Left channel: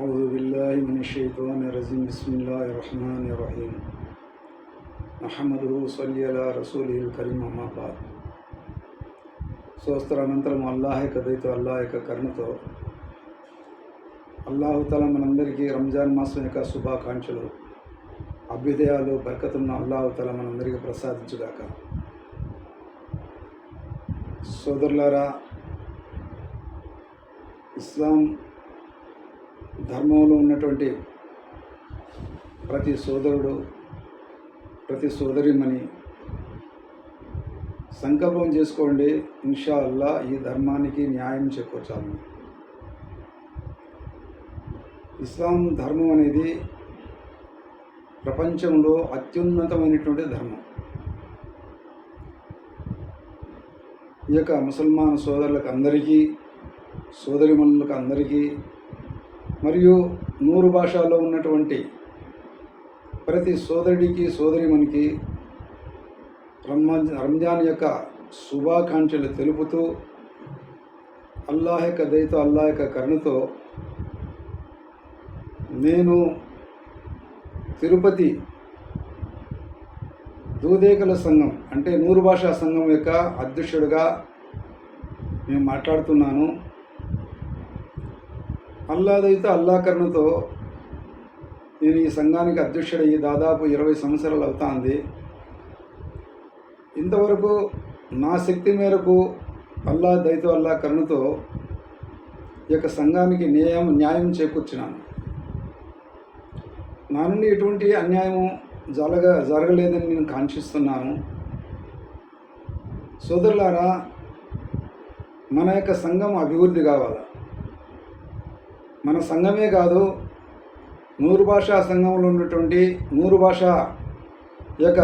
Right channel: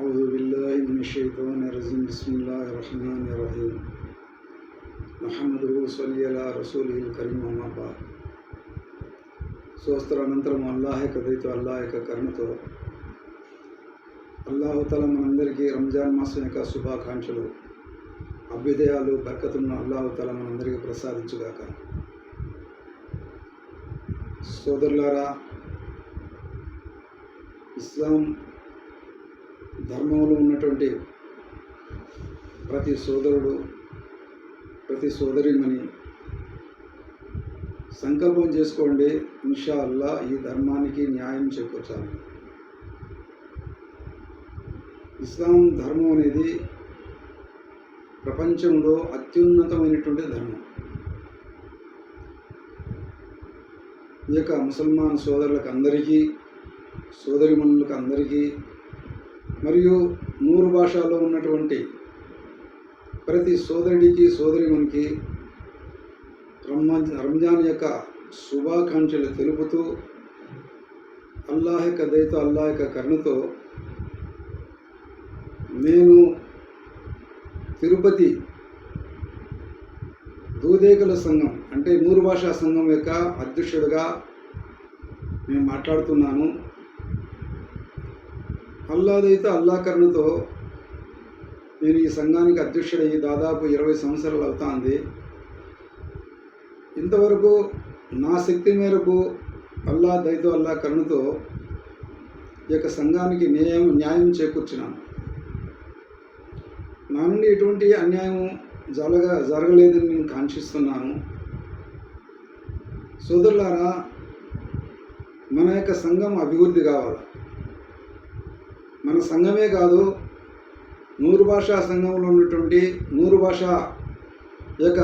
أعوذ بالله من الشيطان الرجيم بسم الله الرحمن الرحيم నహమదుహు సల్లీ అలా రసూలిల్ కరీం అమ్మా బాద్. స్వస్త్ర అనంతరం అల్లాహ్ యొక్క దయతో అల్లాహ్ యొక్క కరుణతో అల్లాహుతాలా మనందరికీ రంజాన్ మాసం యొక్క శుభాకాంక్షలు అభ్యుదయాలు బర్కతున్న అల్లాహుతాలా మనందరికీ ప్రసాదించుగాక. సోదరులారా, ఇస్లాం ధర్మంలో ఉన్నటువంటి ప్రతి సోదరుడు, ప్రతి సోదరిమణి సంకల్పం చేసుకోండి, ఇన్షా అల్లా ఈ ధర్మానికి న్యాయం చేకూర్చాలి. ఇస్లాం ధర్మం అనేది ప్రపంచంలో అత్యున్నతమైనటువంటి ధర్మం. ఈ యొక్క ముసల్మాన్ సోదరులకు అందరికీ, సోదరిమణులకు అందరికీ, మరియు 100 భాషల్లో ఉన్నటువంటి ప్రతి సోదరుడికి, సోదరిమణికి రంజాన్ యొక్క శుభాకాంక్షలు తెలుపుతూ అల్లాహ్ యొక్క దయతో, అల్లాహ్ యొక్క కరుణతో నేను తిరుపతి దూదేకల సంఘం అంటే 100 భాషా సంఘం యొక్క అధ్యక్షుడిగా నేను మాట్లాడుతున్నాను. అల్లాహ్ దయతో, అల్లాహ్ కరుణతో నేను ఈ సంఘానికి అధ్యక్షుడయ్యి దాదాపు 20 సంవత్సరాలు అవుతుంది. ఇంతవరకు నా శక్తి మేరకు అల్లాహ్ దయతో, అల్లాహ్ కరుణతో ఈ యొక్క సంఘానికి న్యాయం చేకూర్చినాను. నా నుండి ఎటువంటి అన్యాయము జరగలేదని నేను కాంక్షిస్తున్నాను. సోదరులారా, మన యొక్క సంఘం అభివృద్ధి కావాలి. మన సంఘమే కాదు, 100 భాషా సంఘంలో ఉన్నటువంటి 100 భాషా యొక్క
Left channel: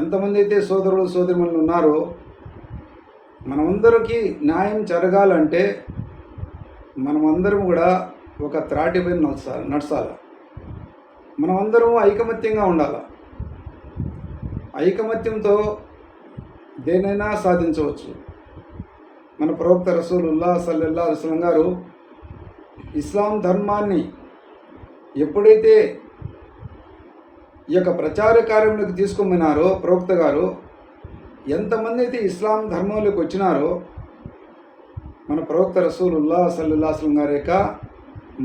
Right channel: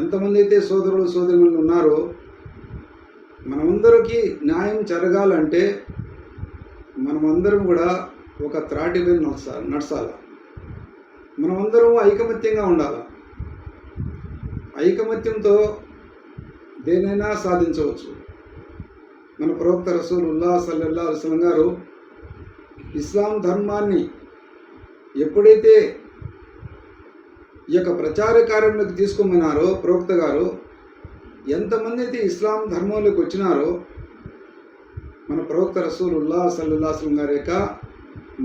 ఎంతమంది అయితే సోదరులు, సోదరిమణులు ఉన్నారో మనమందరికీ న్యాయం జరగాలంటే మనమందరం కూడా ఒక త్రాటిపై నడచాలి. మనమందరం ఐకమత్యంగా ఉండాలి. ఐకమత్యంతో దేనైనా సాధించవచ్చు. మన ప్రవక్త రసూలుల్లాహ్ సల్లల్లాహు అలైహి వసల్లం గారు ఇస్లాం ధర్మాన్ని ఎప్పుడైతే ఈ యొక్క ప్రచార కార్యంలోకి తీసుకోమన్నారో ప్రవక్త గారు, ఎంతమంది అయితే ఇస్లాం ధర్మంలోకి వచ్చినారో మన ప్రవక్త రసూలుల్లాహ్ సల్లల్లాహు అలైహి వసల్లం గారి యొక్క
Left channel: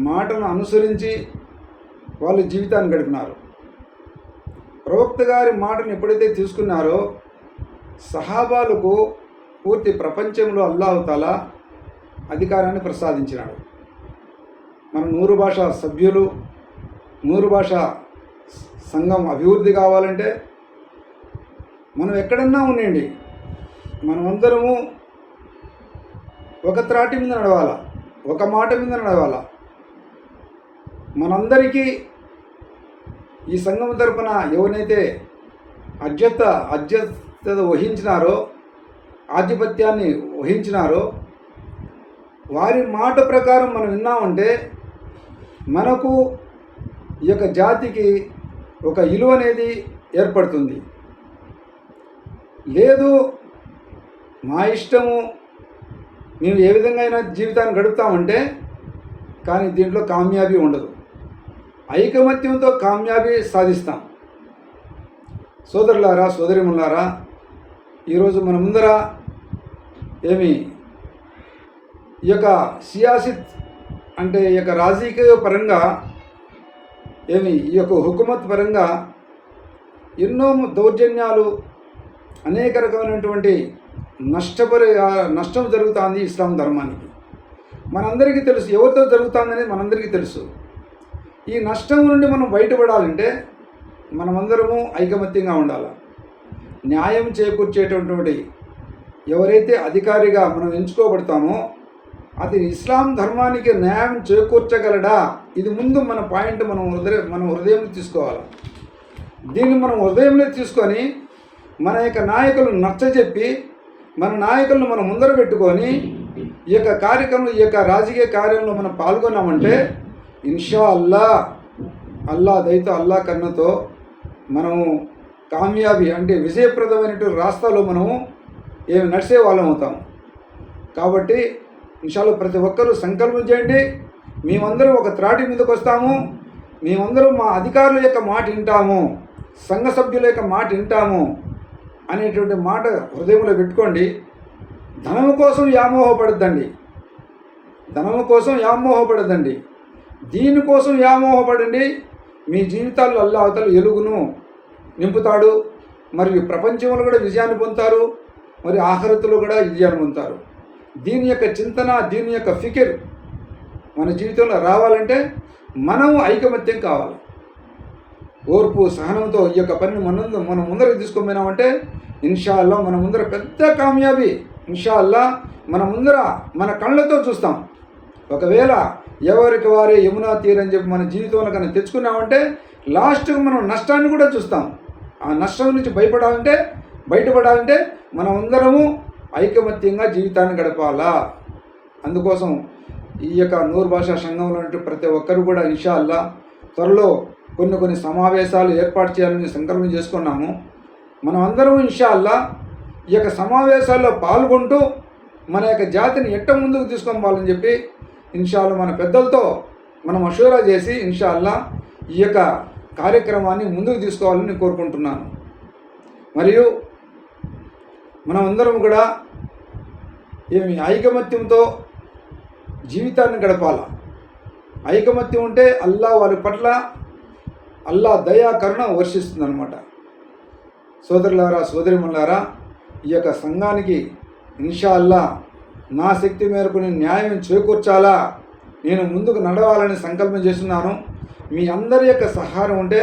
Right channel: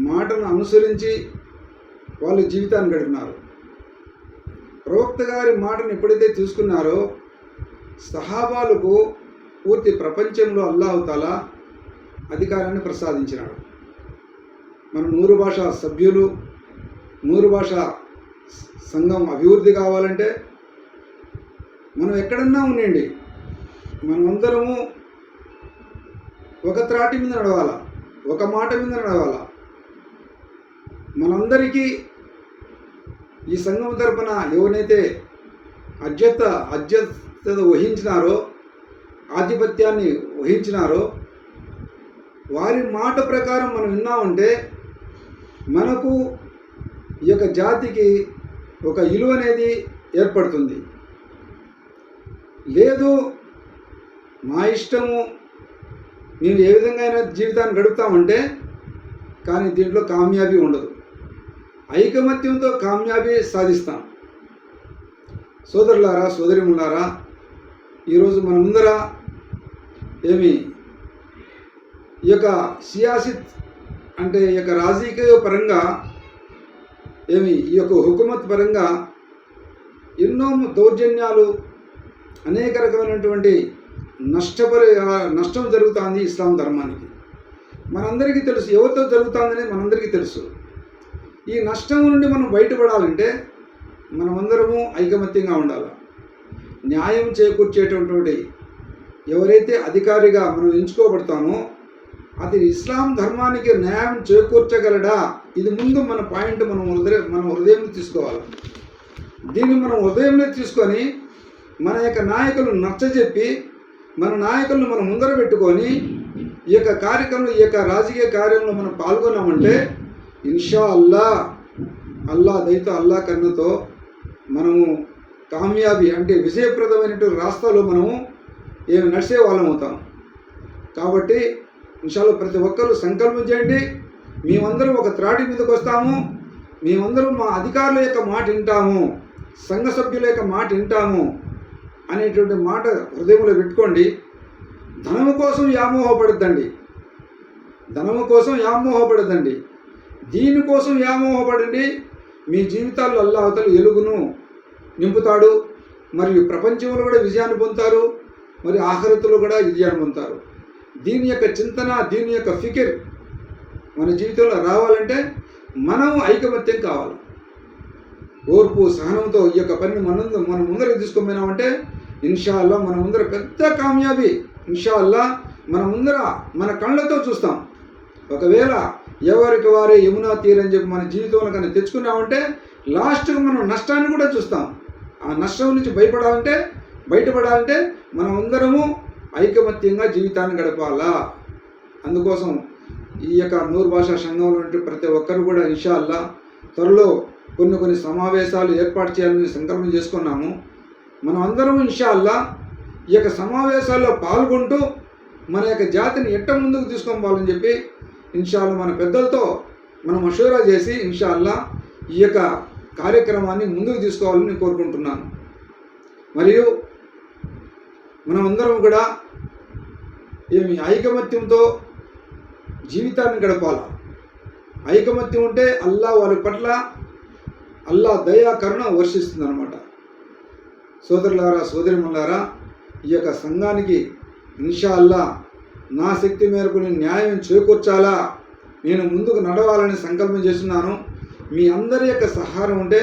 మాటను అనుసరించి వాళ్ళు జీవితాన్ని గడిపినారు. ప్రవక్త గారి మాటను ఎప్పుడైతే తీసుకున్నారో సహాబాలకు పూర్తి ప్రపంచంలో అల్లాహ్ తాలా అధికారాన్ని ప్రసాదించినాడు. మన 100 భాషా సభ్యులు, 100 భాషా సంఘం అభివృద్ధి కావాలంటే మనం ఎక్కడన్నా ఉండండి, మనమందరము ఒక త్రాటి మీద నడవాలా, ఒక మాట మీద నడవాలా. మనందరికీ ఈ సంఘం తరపున ఎవరైతే అధ్యక్షత వహించినారో, ఆధిపత్యాన్ని వహించినారో వారి మాట ప్రకారం మనం విన్నామంటే మనకు ఈ యొక్క జాతికి ఒక విలువ అనేది ఏర్పడుతుంది. లేదు మా ఇష్టము, మేము ఏ విధంగా అయినా జీవితాన్ని గడుపుతామంటే కానీ దీంట్లో కామ్యాబీ ఉండదు. ఐకమత్యంతో కామ్యాబీ సాధిస్తాం. సోదరులారా, సోదరిమణులారా, ఈరోజు మన ముందర ఈ యొక్క సియాసిత్ అంటే ఈ యొక్క రాజకీయ పరంగా ఈ యొక్క హుకుమత్ పరంగా ఎన్నో దౌర్జన్యాలు, అనేక రకమైనటువంటి నష్టం జరుగుతుంది ఇస్లాం ధర్మానికి. మనందరికీ తెలుసు ఎవరితో జరుగుతుందని మనందరికీ తెలుసు. ఈ నష్టం నుండి మనం బయటపడాలంటే మనమందరము ఐకమత్యంగా ఉండాలి. న్యాయం చేకూర్చేటటువంటి ఎవరైతే అధికారిగా మనం ఎంచుకోబడతామో అది ఇస్లాం ధర్మానికి న్యాయం చేకూర్చగలడా, ఇది ముందు మన పాయింట్ మన హృదయంలో తీసుకోవాలి. దీన్ని మనం హృదయంలో తీసుకొని మన యొక్క నాయకులను నచ్చజెప్పి మన నాయకులను మనం ముందర పెట్టుకొని ఈ యొక్క కార్యక్రమం, ఈ యొక్క రాజకీయ కార్యంలో మనం పాల్గొన్నామంటే ఇన్షా అల్లాహ్ దయతో, అల్లాహ్ కరుణతో మనము కామ్యాబీ అంటే విజయప్రదమైనటువంటి రాస్తాలో మనము నడిచే వాళ్ళం అవుతాం. కాబట్టి ఇన్షాల్లా ప్రతి ఒక్కరూ సంకల్పం చేయండి. మేమందరం ఒక త్రాటి మీదకి వస్తాము, మేమందరం మా అధికారుల యొక్క మాట వింటాము, సంఘ సభ్యుల యొక్క మాట వింటాము అనేటువంటి మాట హృదయంలో పెట్టుకోండి. ధనము కోసం వ్యామోహపడద్దండి, ధనము కోసం వ్యామోహపడద్దండి, దీనికోసం వ్యామోహపడండి. మీ జీవితాల్లో అల్లాహతలు ఎలుగును నింపుతాడు, మరియు ప్రపంచంలో కూడా విజయాన్ని పొందుతారు, మరి ఆఖరతులు కూడా విజయాన్ని పొందుతారు. దీని యొక్క చింతన, దీని యొక్క ఫికిర్ మన జీవితంలో రావాలంటే మనం ఐకమత్యం కావాలి. ఓర్పు సహనంతో ఈ యొక్క పనిని మనం ముందరికి తీసుకొని ఇన్షాల్లా మన ముందర పెద్ద కామయాబీ ఇన్షాల్లా మన కళ్ళతో చూస్తాం. ఒకవేళ ఎవరికి వారే యమునా తీరని చెప్పి మన జీవితంలో కన్నా తెచ్చుకున్నామంటే లాస్ట్కు మనం నష్టాన్ని కూడా చూస్తాం. ఆ నష్టం నుంచి బయటపడాలంటే మనం అందరము ఐకమత్యంగా జీవితాన్ని గడపాలా. అందుకోసం ఈ యొక్క నూరు భాషా సంఘంలో ప్రతి ఒక్కరు కూడా ఇన్షాల్లా త్వరలో కొన్ని సమావేశాలు ఏర్పాటు చేయాలని సంకల్పం చేసుకున్నాము. మనం అందరం ఇన్షాల్లా ఈ యొక్క సమావేశాల్లో పాల్గొంటూ మన యొక్క జాతిని ఎట్ట ముందుకు తీసుకొని పోవాలని చెప్పి ఇన్షాల్లా మన పెద్దలతో మనం మషూరా చేసి ఇన్షాల్లా ఈ యొక్క కార్యక్రమాన్ని ముందుకు తీసుకోవాలని కోరుకుంటున్నాను. మరియు మనం అందరం కూడా ఐకమత్యంతో జీవితాన్ని గడపాల. ఐకమత్యం ఉంటే వారి పట్ల దయా కరుణ వర్షిస్తుందన్నమాట. సోదరులారా, సోదరిమణులారా, ఈ యొక్క సంఘానికి ఇన్షాల్లా నా శక్తి మేరకు నేను న్యాయం చేకూర్చాలా, నేను ముందుకు నడవాలని సంకల్పం చేస్తున్నాను. మీ అందరి యొక్క సహాయం ఉంటే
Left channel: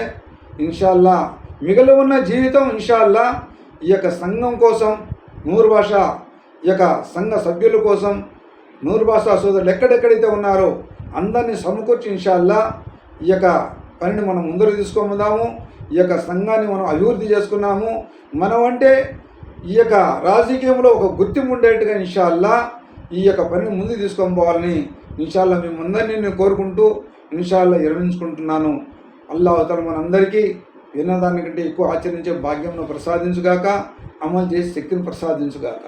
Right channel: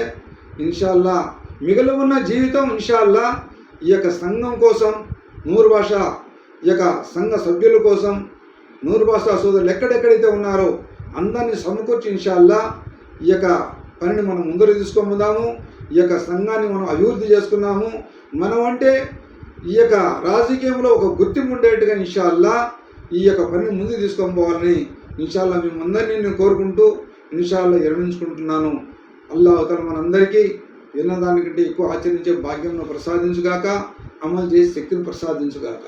ఇన్షాల్లా మిగిలి ఉన్న జీవితం ఇన్షాల్లా ఈ యొక్క సంఘం కోసం, నూరు భాష ఈ యొక్క సంఘ సభ్యుల కోసం, నూరు భాషా సోదరులు ఎక్కడెక్కడైతే ఉన్నారో అందరినీ సమకూర్చి ఇన్షాల్లా ఈ యొక్క పనిని మనం ముందరు తీసుకొందాము. ఈ యొక్క సంఘాన్ని మనం అభివృద్ధి చేసుకున్నాము. మనం అంటే ఈ యొక్క రాజకీయంలో ఒక గుర్తింపు ఉండేట్టుగా ఇన్షాల్లా ఈ యొక్క పనిని ముందుకు తీసుకొని పోవాలని ఇన్షాల్లా మేమందరినీ నేను కోరుకుంటూ ఇన్షాల్లా విరమించుకుంటున్నాను. అల్లాహ్ తఆలా మనందరికీ విన్నదానికంటే ఎక్కువ ఆచరించే భాగ్యంను ప్రసాదించుగాక, అమలు చేసి శక్తిని ప్రసాదించుగాక.